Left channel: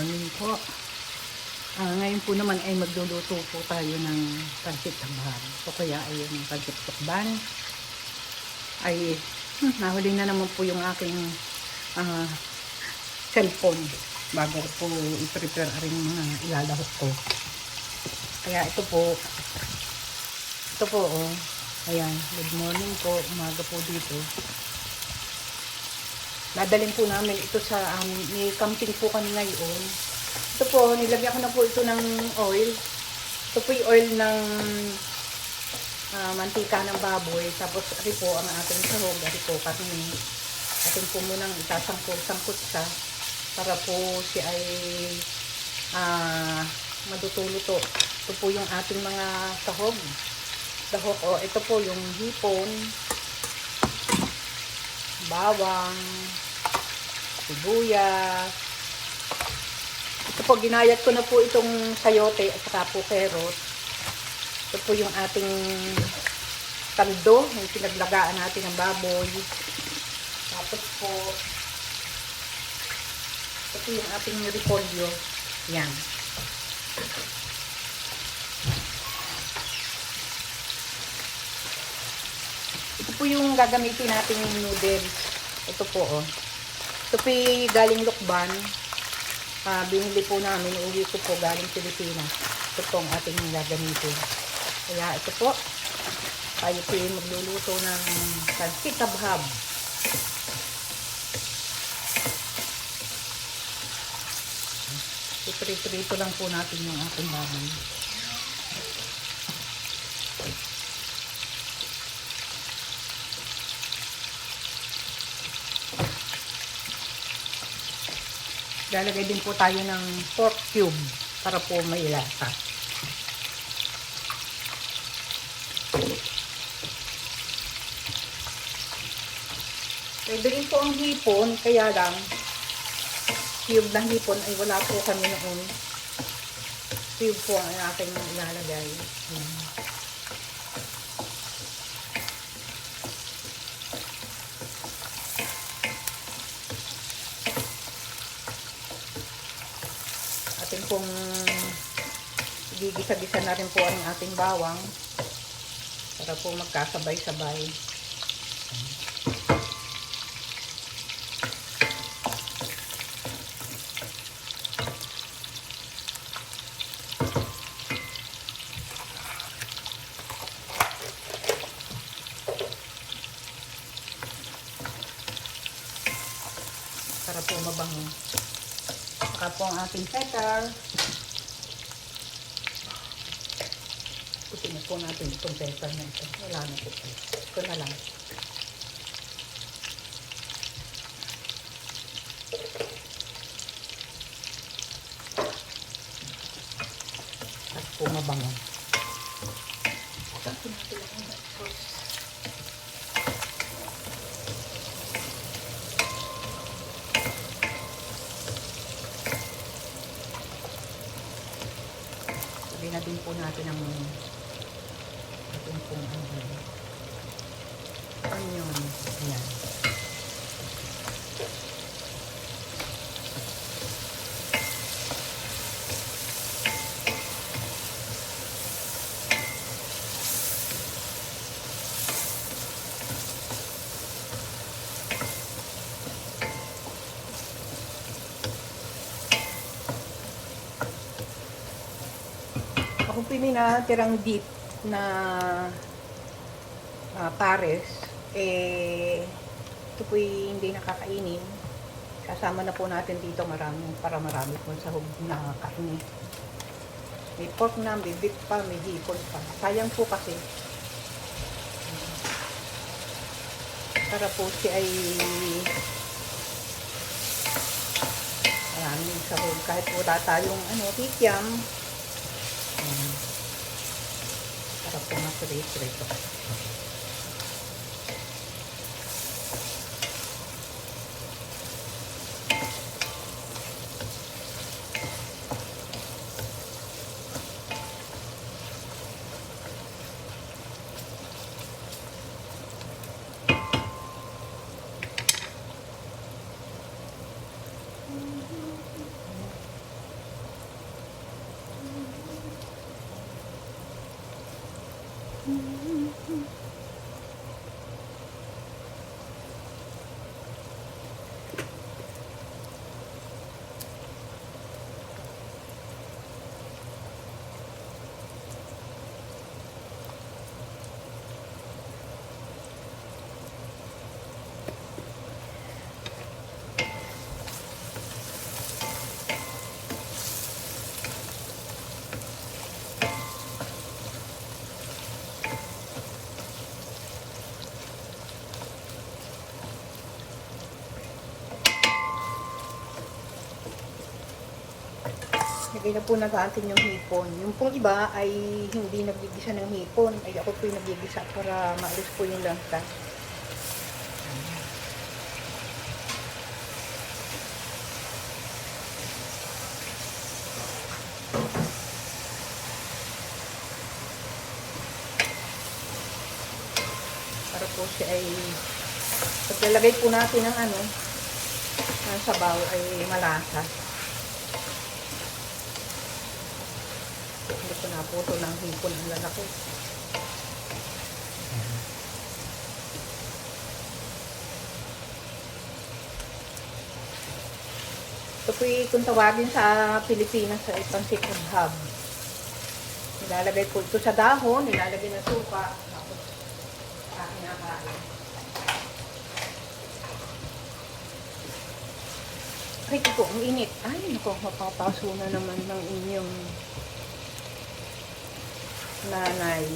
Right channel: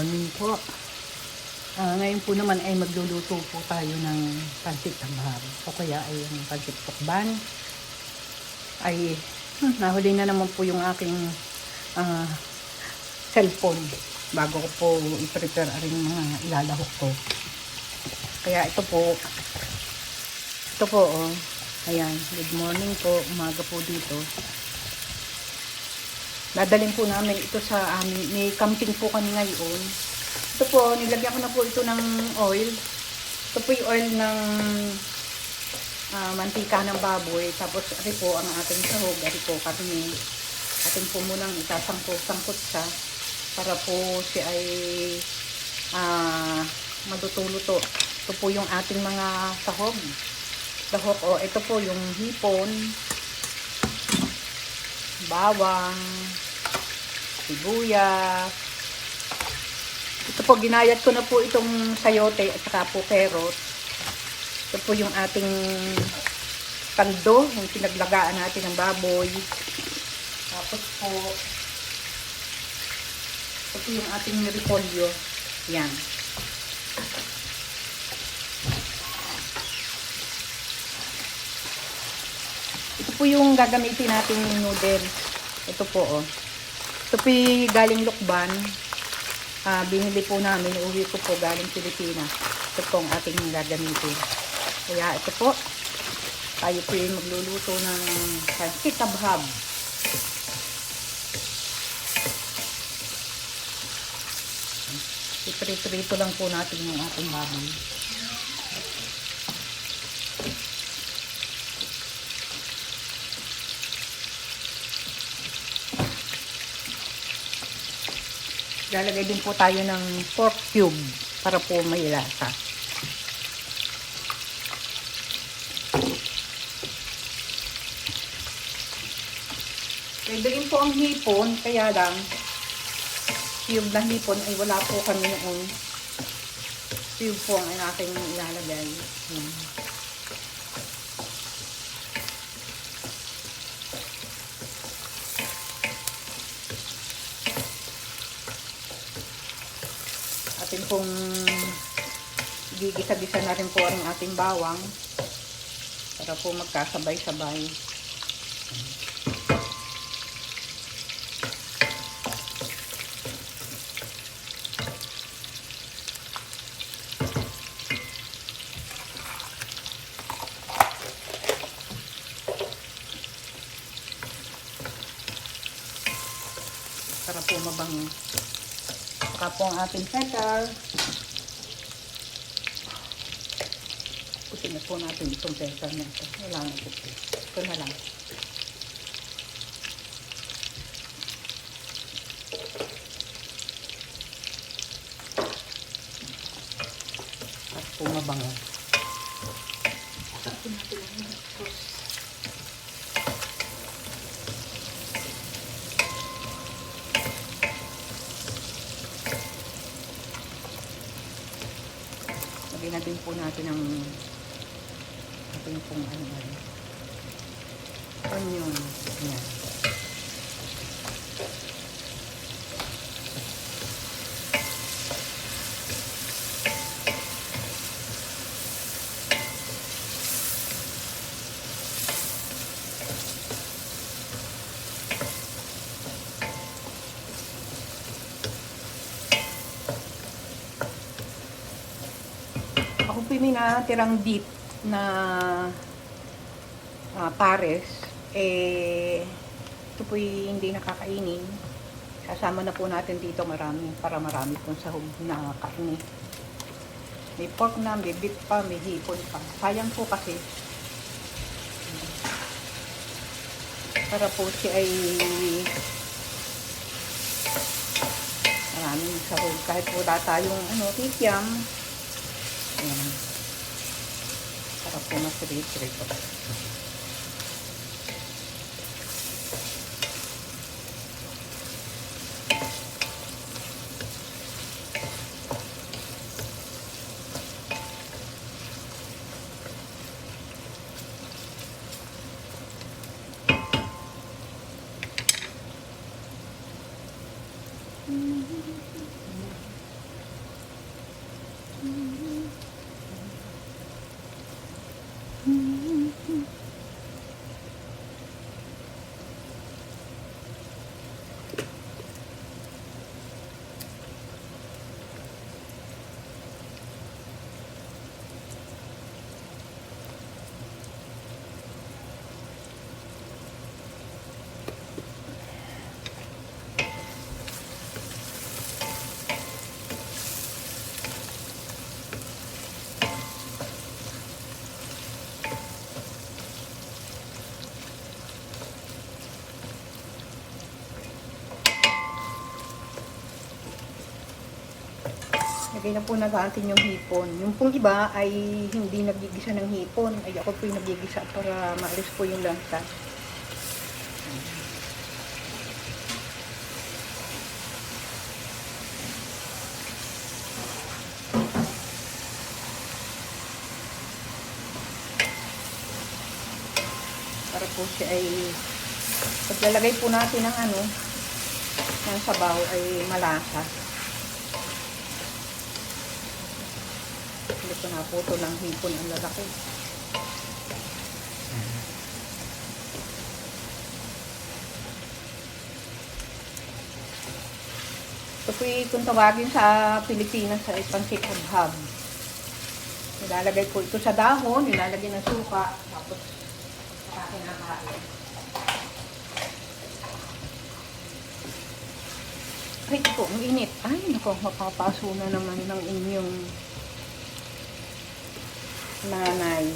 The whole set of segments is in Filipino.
morning po. Ah, ngayon po naman ay magluluto po tayo ng pansit tambahab. O kaya ay yung pansit tukban. Ay, hmm, nahuli na naman po yung aking ah, cellphone bago ko po i-prepare ang mga ilalahok ko. Kaya ito po, ito po, oh. Ayan, good morning po, umaga po dito. Dadalhin po namin ito sa amin. May camping po kami ngayon. Ito po, nilagyan ko na po ito ng oil. Ito po yung oil ng ah, mantika ng baboy. Tapos ito po ang ating sahog. Ito po kasi atin po munang isasangkot-sangkot siya para po siya ay ah, maduto-luto. Ito po yung ating mga sahog. Sahog, o ito po yung hipon, bawang, sibuyas. Ito po, ginayat ko na po itong sayote at saka po carrot. Ito po yung ating kaldo, yung pinaglagaan natin ng baboy. Tapos po, ito yung ating repolyo. Yan. Po yung gagamitin nating noodles. Ito po, oh. Ito po yung galing Lukban. Ah, binili po namin. Uwi ko po galing Pilipinas. Ito po ang ating gagamitin. Kaya ito po. Tayo po yung magluluto ng pansit tabhab. Iprito-prito lang po natin yung ating baboy. Lalagay din po tayo ng pork cube para po may lasa. Pwede po ang hipon, kaya lang cube ng hipon ay wala po kami noong cube po ang aking ilalagay. Hmm. Pong gigisa-gisa na rin po ang ating bawang para po magkasabay-sabay. Para po mabango. Saka po ang ating pepper. Putin na po natin itong pepper na ito. Wala na ito. Ito na lang. At po mabango. Tapos natin ang sauce. Lagyan na din po natin ang ating pong ano ano. Onion. Ayan. Ako po may natirang deep na ah, pares. Eh, ito po hindi nakakainin. Kasama na po natin dito marami para marami pong sahog na kainin. May pork na, may beef pa, may hipon pa. Sayang po kasi. Para po siya ay Ayan, yung sahog. Kahit wala tayong ano, tikyam, Ayan. とってもすぐいい気分とか。Lagay na po natin yung hipon. Yung pong iba ay hindi nagigisa ng hipon. Ay ako po yung nagigisa para maalis po yung lansa. Para po siya ay paglalagay po natin ng ano ng sabaw ay malasa. Ito ng hipon ang lalaki. Yung kung tawagin sa Pilipinas ay pansit hab. Nilalagay po ito sa dahon, nilalagay ng suka. Tapos, ah, kinakain. Ay, ito, ang init. Ay, naku, mapapaso na naman ng inyong nanay.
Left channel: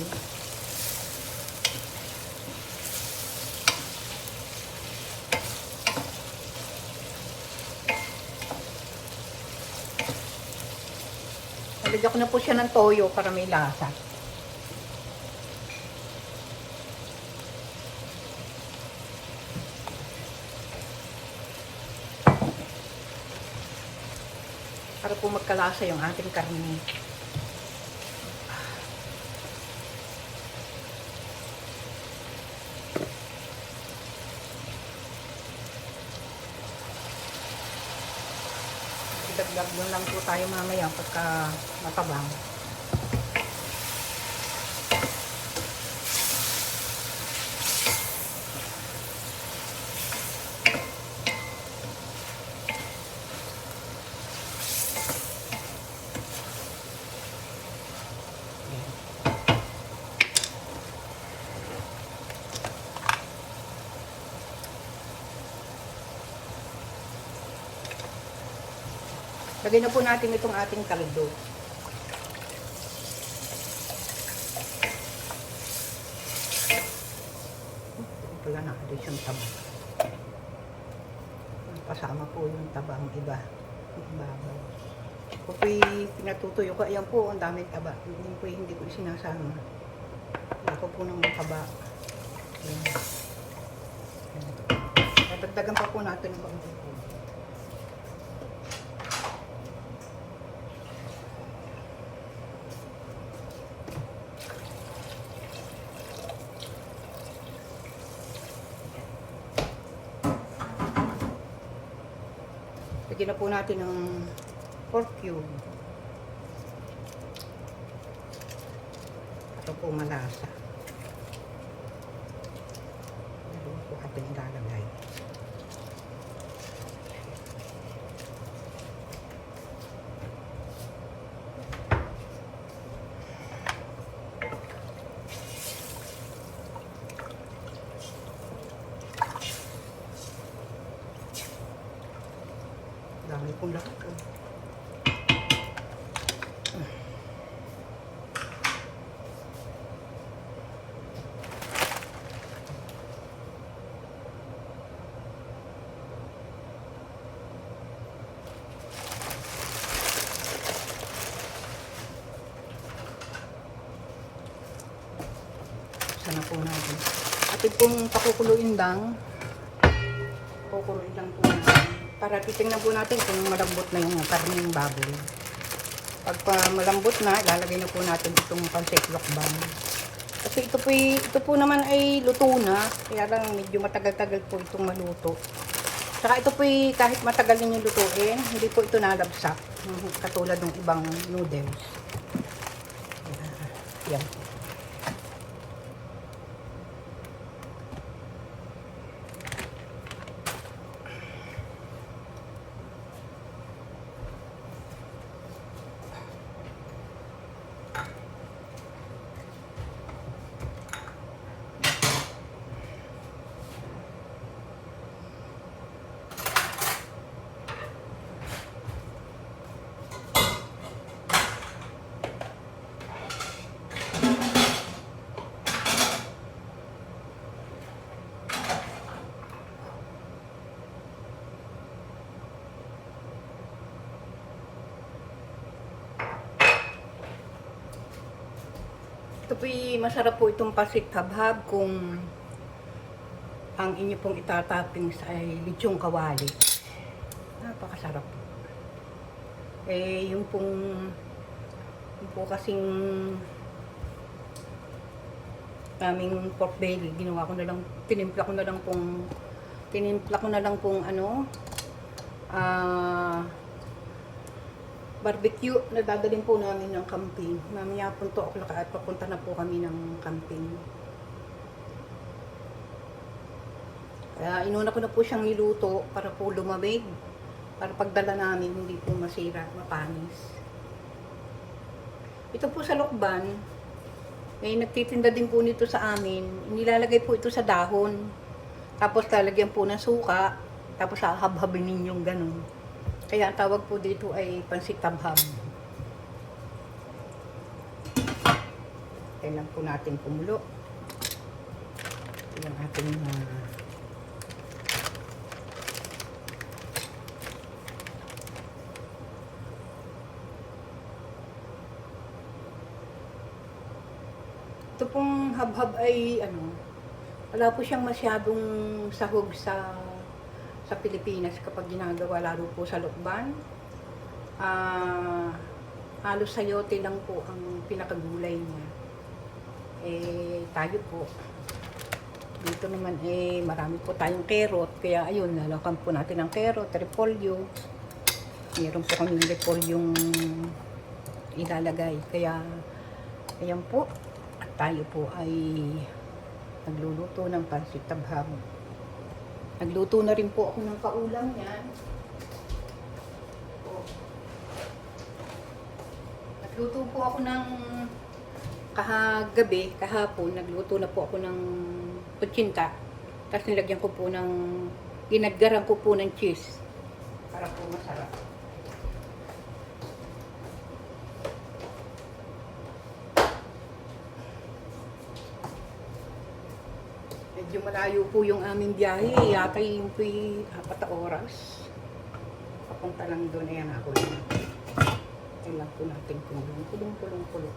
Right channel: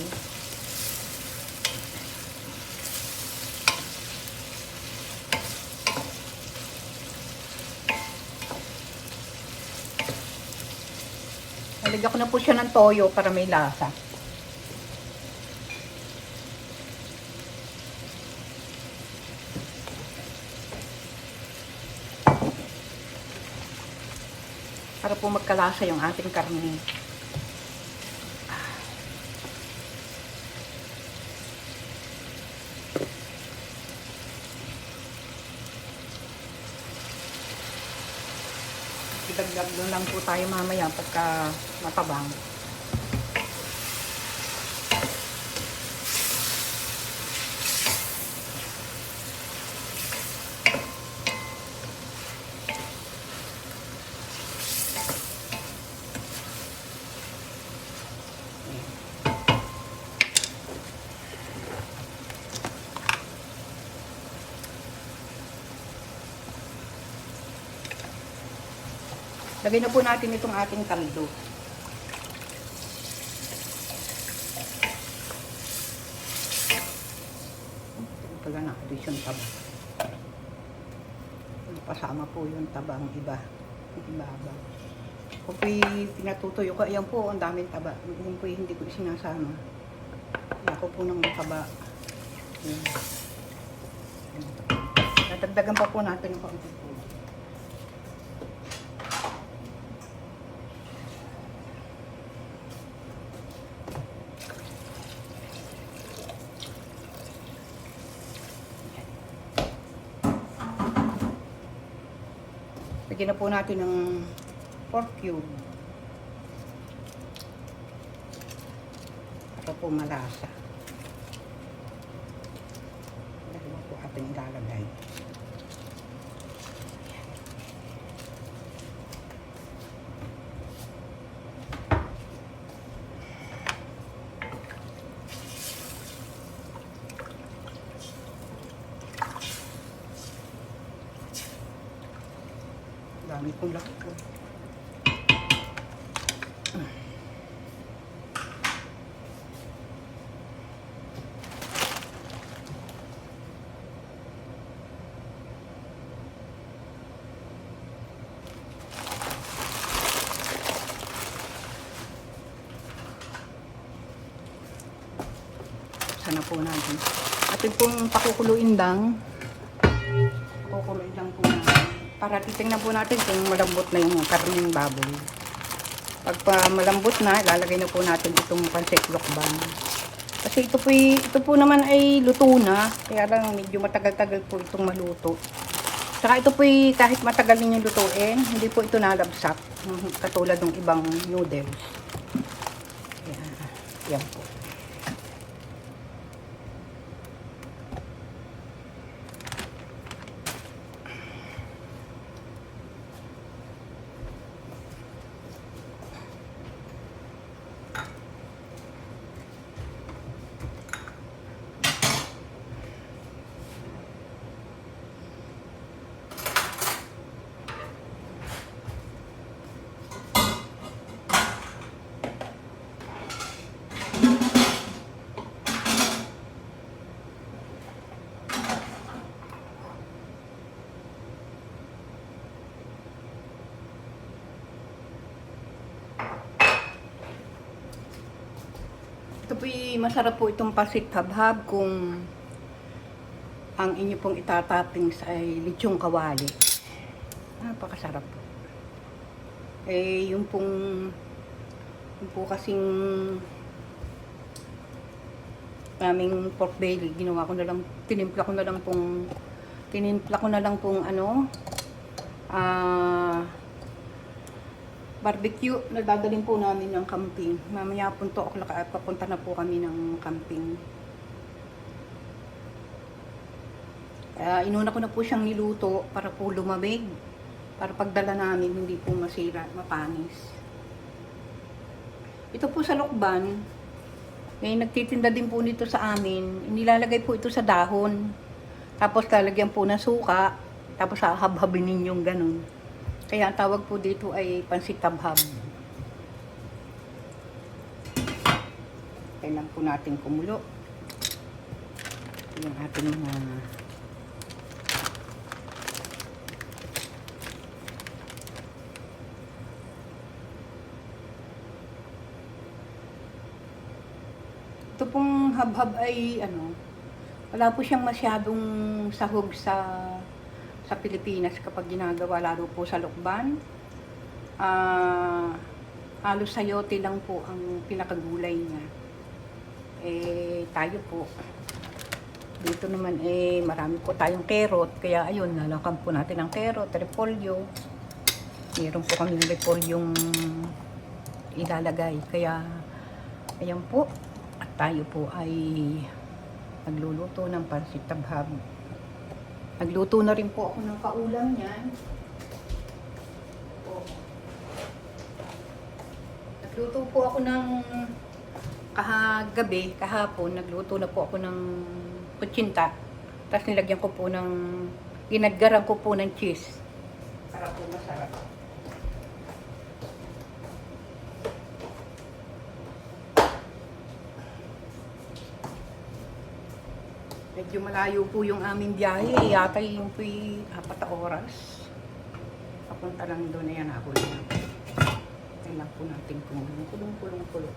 Nalagyan ko na po siya ng toyo para may lasa. Para po magkalasa yung ating karne. Idagdag mo lang po tayo pagka makabang. Lagay na po natin itong ating taldo. Pala na ako yung taba. Kasama po yung tabang iba. Yung ibabaw. Ako po'y tinatutuyo ko. Ayan po, ang daming taba. Yung po'y hindi ko sinasama. Ako po ng taba. Ayan. Dagdagan pa po natin ng konti po. Lagyan na po natin ng pork cube. Para po malasa. Meron po ating ilalagay. Dami kong lakas. oh. Sana po natin. At ito pong pakukuluin lang. Pakukuluin lang po natin. Para titingnan po natin kung malambot na yung karne ng baboy. Pag pa malambot na, ilalagay na po natin itong pancit lokbang. Kasi ito po, ito po naman ay luto na. Kaya lang medyo matagal-tagal po itong maluto. Saka ito po kahit matagal ninyo lutuin, hindi po ito nalabsak. Katulad ng ibang noodles. Yan. Yan. Po masarap po itong pasit kabhab kung ang inyo pong itatoppings ay lechong kawali. Napakasarap. Eh, yung pong yung po kasing aming pork belly, ginawa ko na lang, tinimpla ko na lang pong tinimpla ko na lang pong ano ah barbecue na dadalhin po namin ng camping. Mamaya po to ako at papunta na po kami ng camping. Kaya inuna ko na po siyang niluto para po lumamig. Para pagdala namin hindi po masira, mapanis. Ito po sa Lokban, may nagtitinda din po nito sa amin. Nilalagay po ito sa dahon. Tapos lalagyan po ng suka. Tapos hahabhabin ninyong ganun. Kaya ang tawag po dito ay pansit tabhab. Kailangan po natin kumulo. Yung ating mga Ito pong habhab ay ano, wala po siyang masyadong sahog sa sa Pilipinas kapag ginagawa lalo po sa lukban. Ah, halos sayote lang po ang pinakagulay niya. Eh, tayo po. Dito naman eh, marami po tayong carrot. Kaya ayun, nalakan po natin ang carrot, repolyo. Meron po kami ng repolyong ilalagay. Kaya, ayan po. Tayo po ay nagluluto ng pansit tabhab. Nagluto na rin po ako ng kaulam niyan. Nagluto po ako ng kahagabi, kahapon, nagluto na po ako ng kutsinta. Tapos nilagyan ko po ng, ginadgaran ko po ng cheese. Para po masarap. Medyo malayo po yung aming biyahe. Yata yung po apat na oras. Papunta lang doon. Ayan ako lang. Kailan po natin kulong, kulong, kulong, kulong.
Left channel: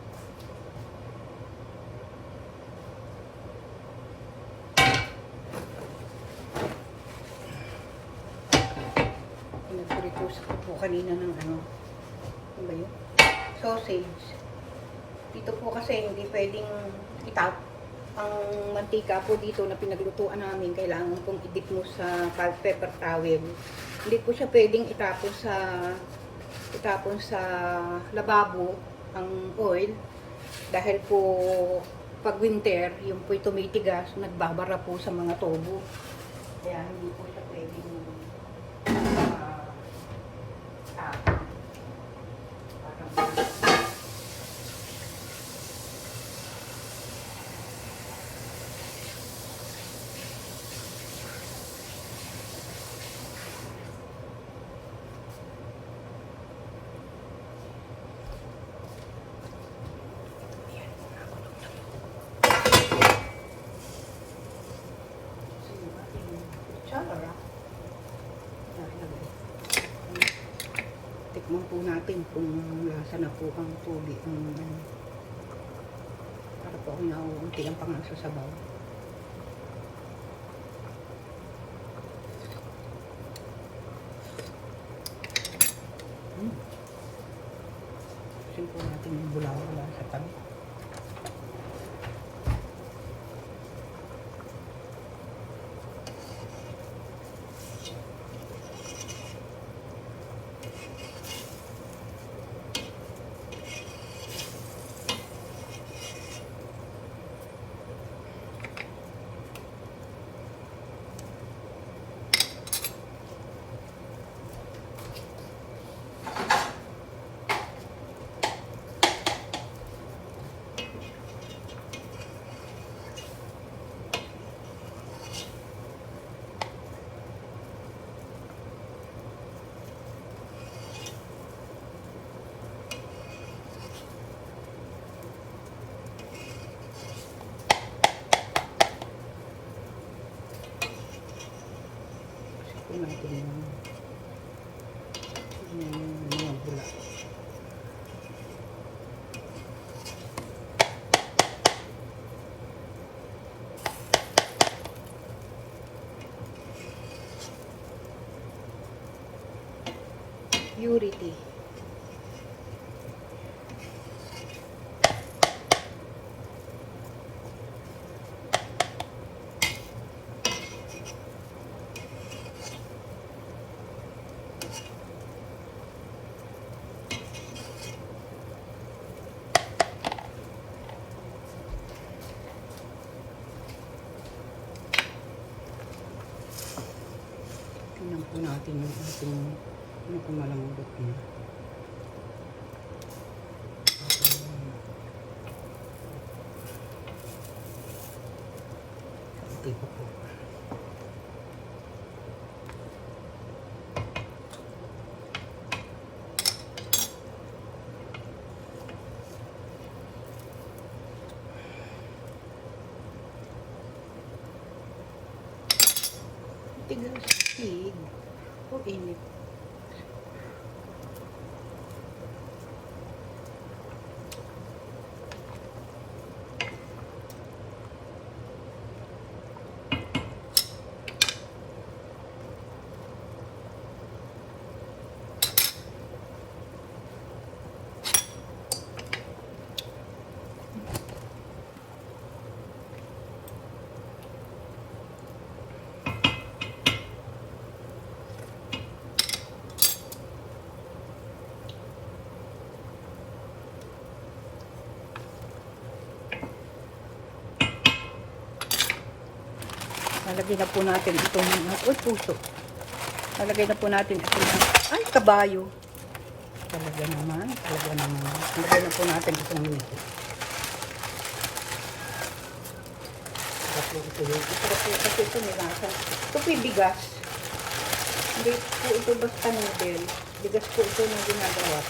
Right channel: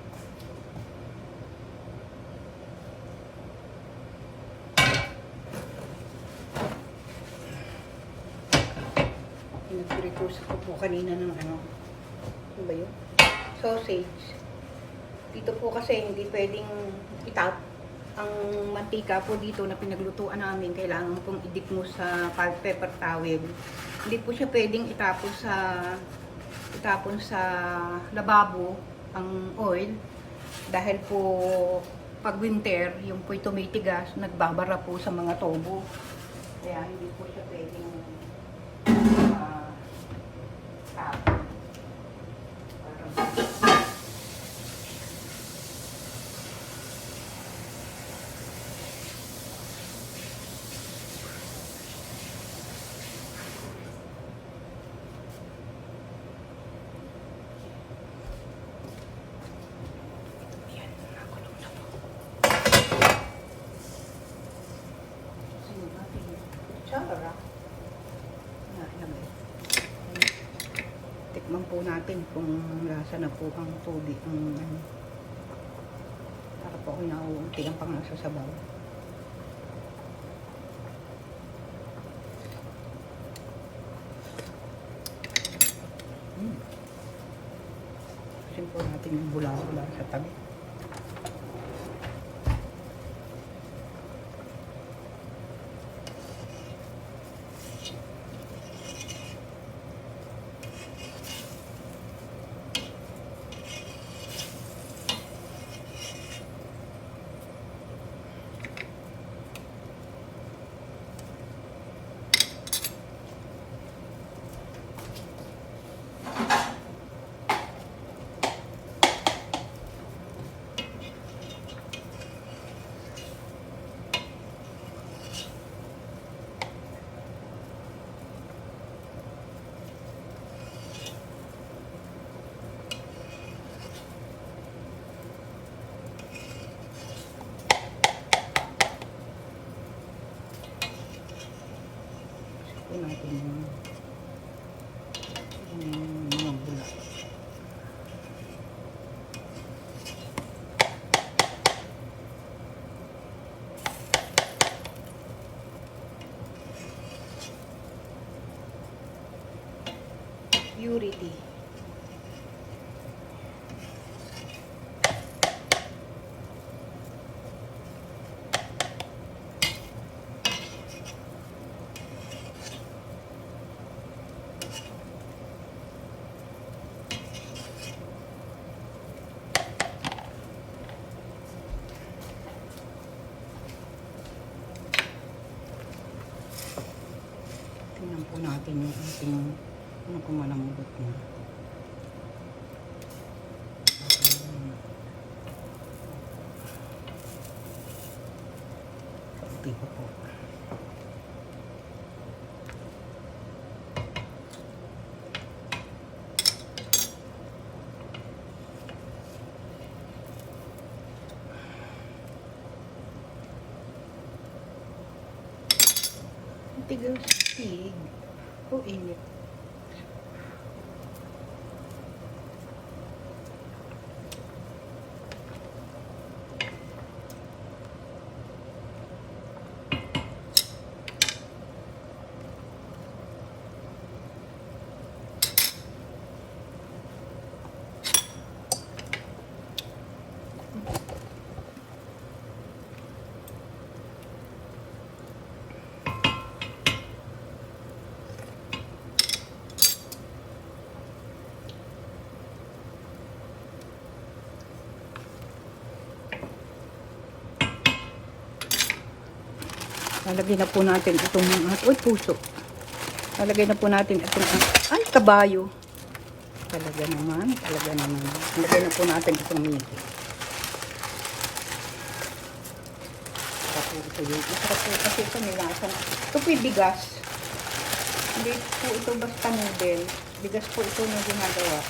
Nag-repost ko po kanina ng ano. Ano ba yun? Sausage. Dito po kasi hindi pwedeng itap ang mantika po dito na pinaglutuan namin, kailangan pong i-dip mo sa paper towel. Hindi po siya pwedeng itapon sa itapon sa lababo ang oil dahil po pag winter, yung po'y tumitigas, nagbabara po sa mga tobo. Kaya hindi po siya pwedeng ah, tapon. Parang- Yan, nakulong na po. Sa yung ating kutsara. Wala naman. Tikman po natin kung lasa na po ang tubig. ano. Para po kung nauunti ang pang nasa sabaw. Mm. Kasi po natin yung bulawan sa tabi. Ito natin yung, yung mga bula. Po natin yung ating ano kung malambot na. Ayan. Kaunti pa po. Tigil sa pig. O init. Lalagyan na po natin itong mga, uy puso. Lalagyan na po natin itong, ay kabayo. Talaga naman, talaga naman. Lalagyan na po natin itong minute. Kasi ito, ito, ito, kasi ito nilasan. Ito po yung bigas. Hindi po ito basta noodle. Bigas po ito na ginagawa.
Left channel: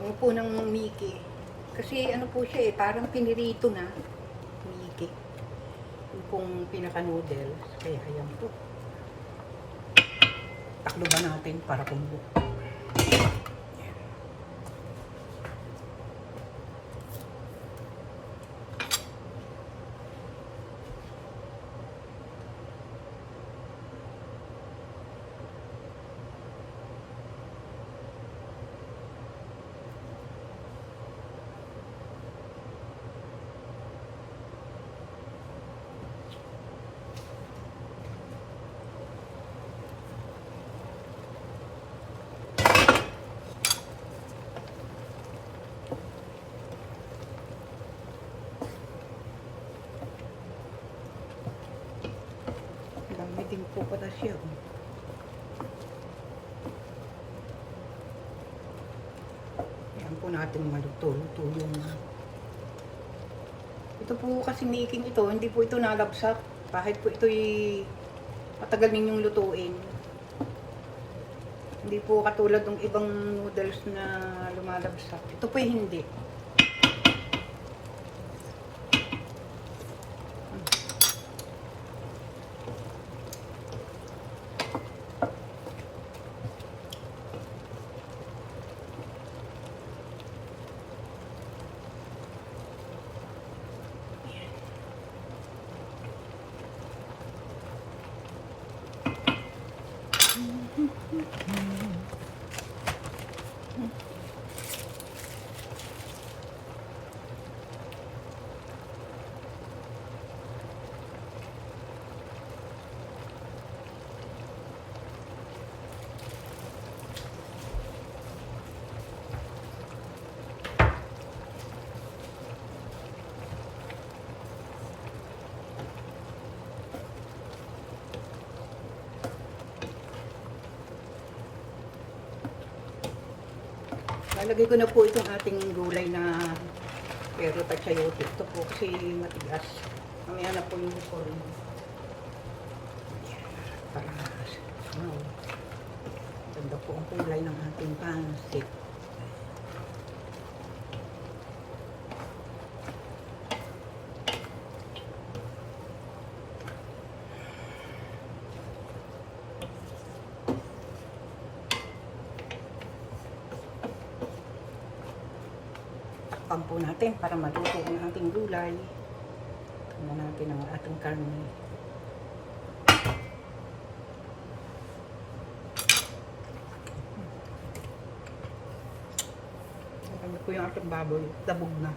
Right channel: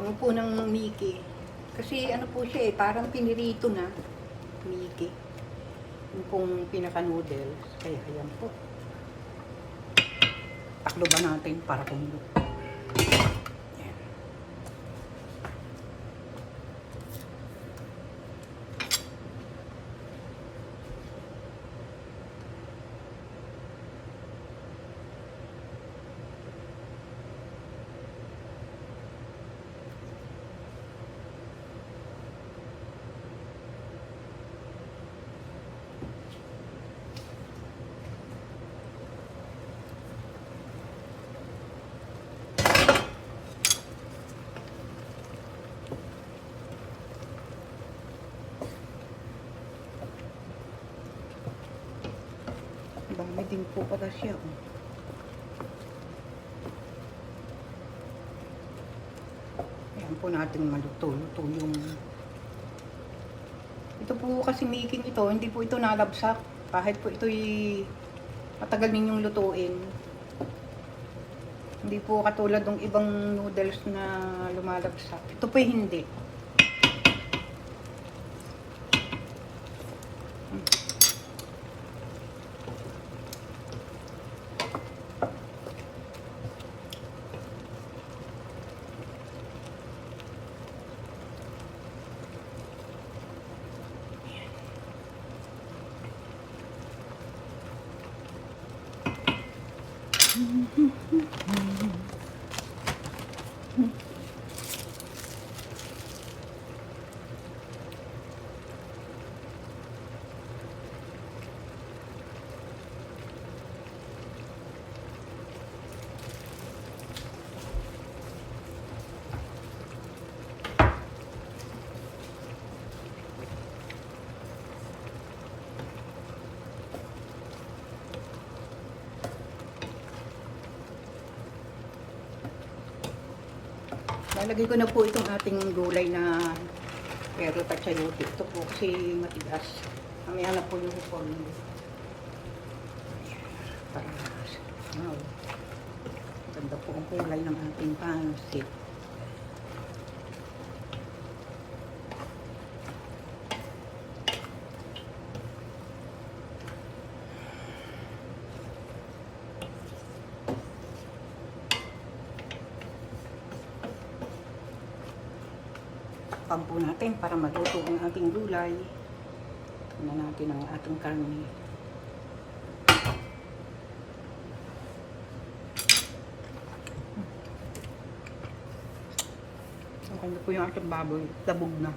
Bango ng Mickey. Kasi ano po siya eh, parang pinirito na Mickey. Yung pong pinaka-noodles. Kaya ayan po. Taklo ba natin para kumulo? Dami din po pala siya. oh. Ayan po natin maluto. Luto yung... Ito po kasi making ito, hindi po ito nalabsak. Kahit po ito'y matagal ninyong lutuin. Hindi po katulad ng ibang noodles na lumalabsak. Ito po hindi. Lalagay ko na po itong ating gulay na pero pachayote. Ito po kasi matigas. Mamaya na po yung form. Ganda po ang kulay ng ating pancit. Takpan po natin para maluto ang ating gulay. Tingnan natin ang ating karne. Okay na po yung ating baboy. Labog na.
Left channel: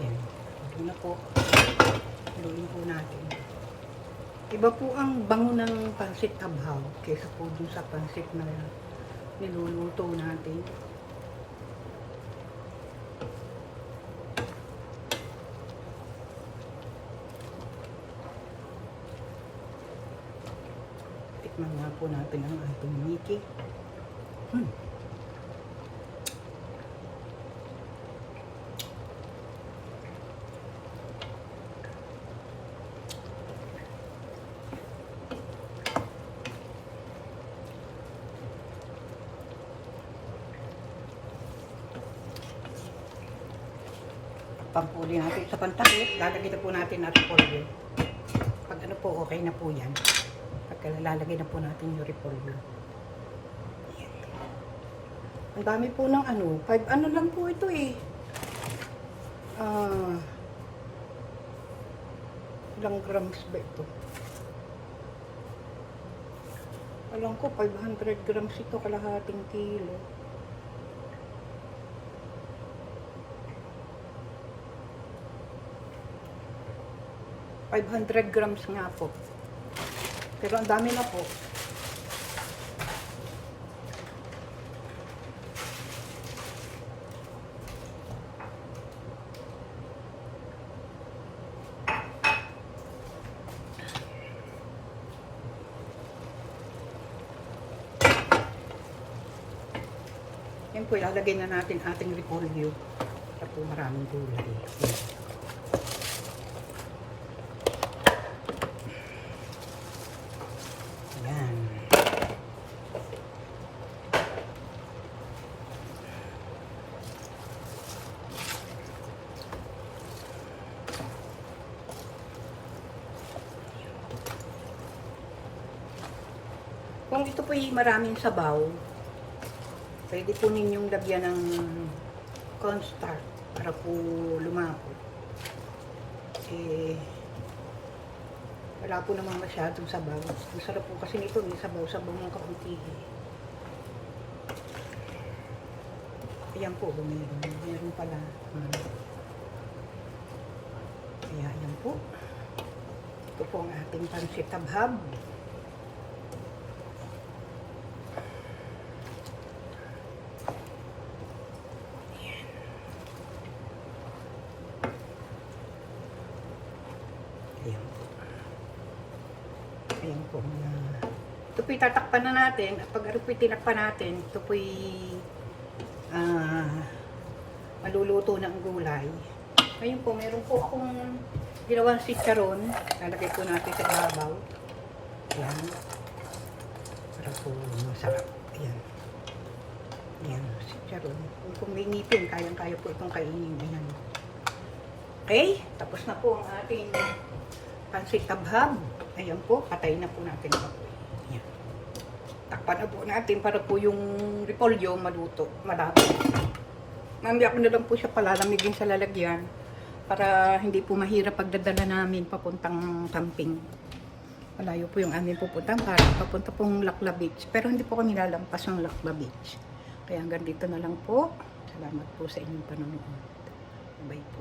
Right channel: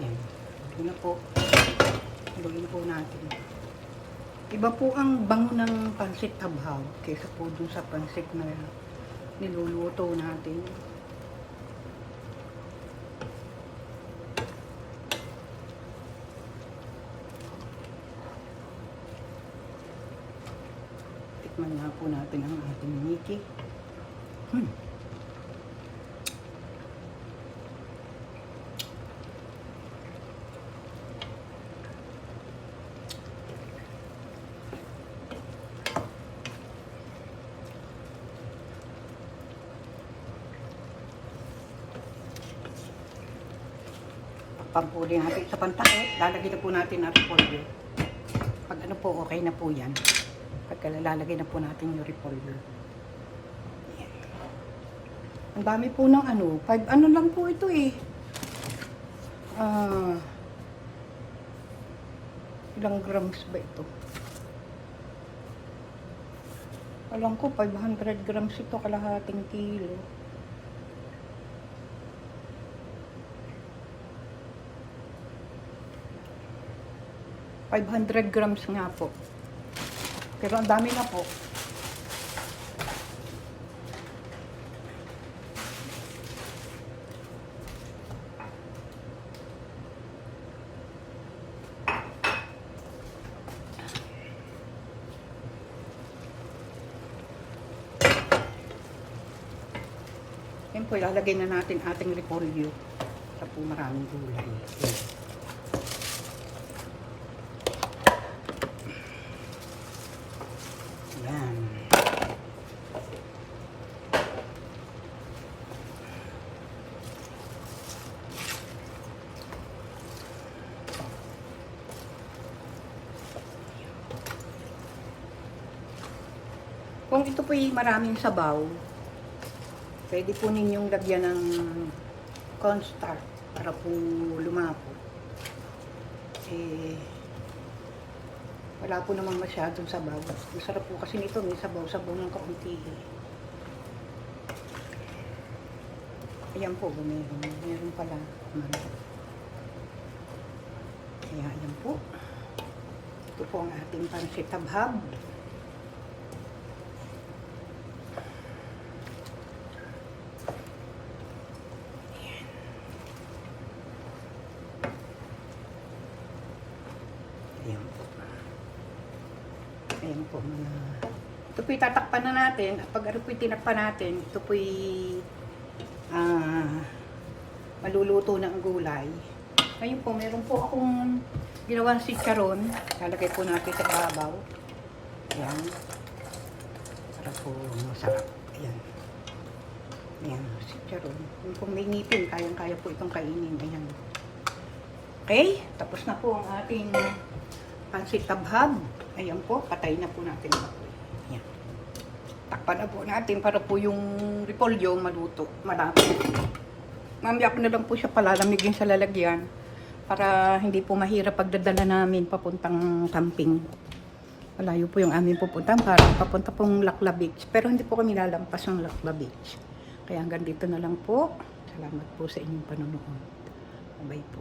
Yan. Okay na po. Haluin po natin. Iba po ang bango ng pansit abhaw kaysa po dun sa pansit na niluluto natin. Tikman nga po natin ang ating Mickey. Hmm. pampuli natin sa pantakip, lalagay na po natin ang repolyo. Pag ano po, okay na po yan. Pagka lalagay na po natin yung repolyo. Ang dami po ng ano, 5 ano lang po ito eh. Ah, ilang grams ba ito? Alam ko, 500 grams ito, kalahating kilo. Five hundred grams nga po. Pero ang dami na po. Yan po, ilalagay na natin ating repolyo. Sa po maraming gulay. Yan. Yan. Kung ito po maraming sabaw, pwede po ninyong lagyan ng cornstarch para po lumapot. Eh, wala po namang masyadong sabaw. Ang sarap po kasi nito, may sabaw-sabaw ng kaunti. Ayan po, bumili. Meron pala. Kaya ayan po. Ito po ang ating pansit tabhab. Ayan po. Ayan po mga Ito po'y tatakpan na natin. At pag ano po'y tinakpan natin, ito po'y ah, maluluto ng gulay. Ngayon po, meron po akong ginawang chicharon. Lalagay po natin sa babaw. Ayan. Para po masarap. Ayan. Ayan, chicharon. Kung- Kung may ngipin, kayang-kaya po itong kainin. Ayan. Okay, tapos na po ang ating pansit tabhab. Ayan po, patay na po natin ito. Takpan na po natin para po yung repolyo maluto, malapit. Mamaya ko na lang po siya palalamigin sa lalagyan para hindi po mahirap pagdadala namin papuntang camping. Malayo po yung amin pupunta para papunta pong Lakla Beach. Pero hindi po kami lalampas ng Lakla Beach. Kaya hanggang dito na lang po. Salamat po sa inyong panonood. Bye po.